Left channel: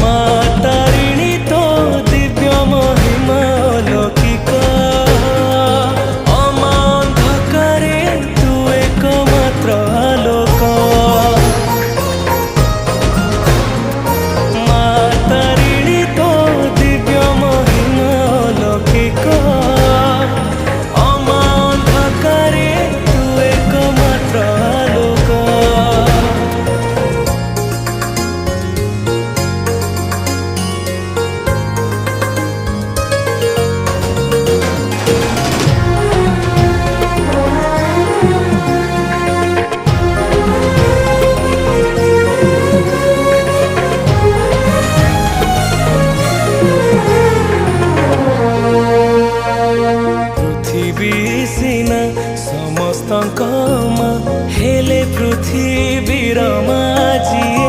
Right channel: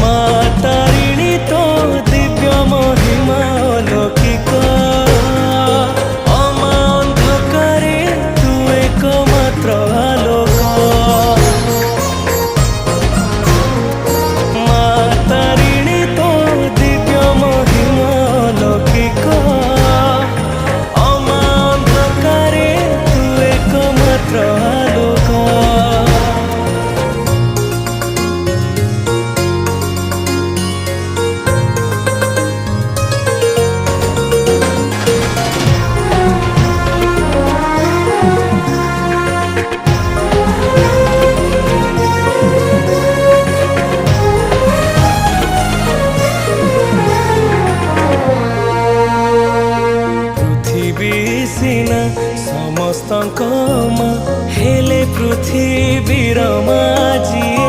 ମା ତାରିଣୀ ତୋ ଦିବ୍ୟ ମହିମା ଅଲୌକିକ। ଅମା ଅନ୍ଧକାରେ ତୁ ଏକମାତ୍ର ଆଲୋକ। ମା ତାରିଣୀ ତୋ ଦିବ୍ୟ ମହିମା ଅଲୌକିକ। ଅମା ଅନ୍ଧକାରେ ତୁ ଏକମାତ୍ର ଆଲୋକ। पृथ्वी सिना समस्तଙ୍କ ମା ହେଲେ ପୃଥିବୀର ମା ଯିଏ।